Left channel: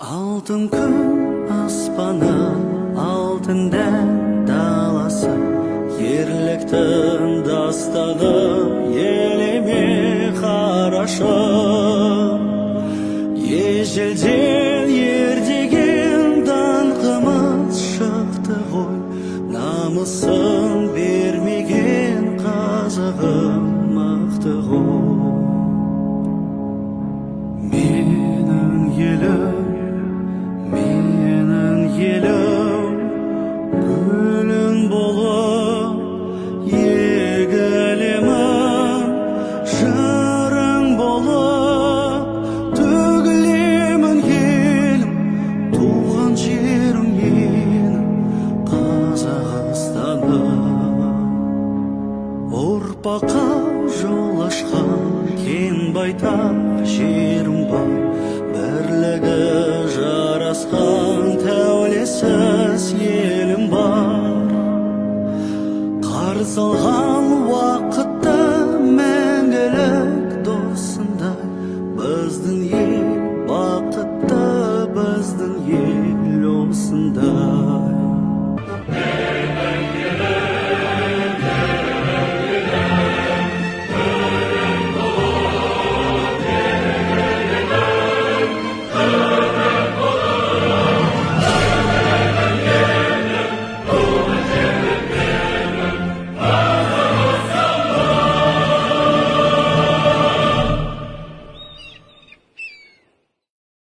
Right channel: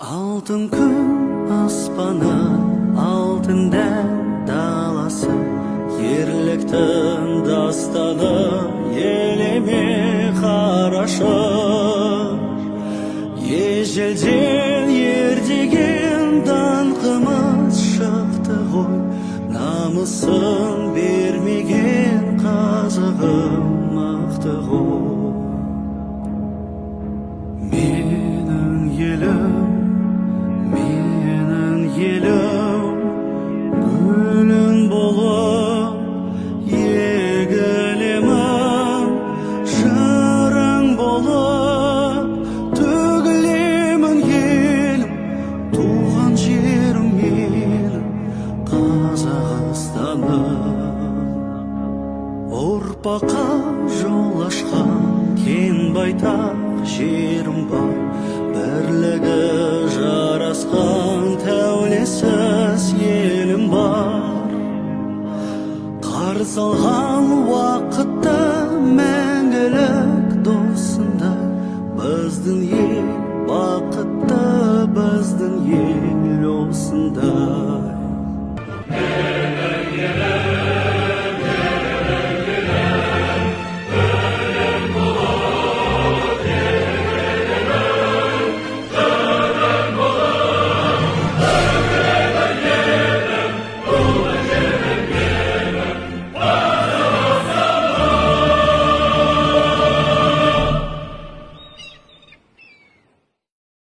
Алтын күн аспаны, алтын дән даласы, ерліктің дастаны, елеме қарашы. Ежелден ердеген даңқымыз шықты ғой, намысын бермеген қазығым мықты ғой. Менің елім, гүлің болып егілемін, жырың болып төгілемін елім, туған жерім менің Қазақстаным. Ұрпаққа жол ашқан кен байтақ жерім бар, бірлігі жарасқан тәулесіз елім бар. Қарсы алған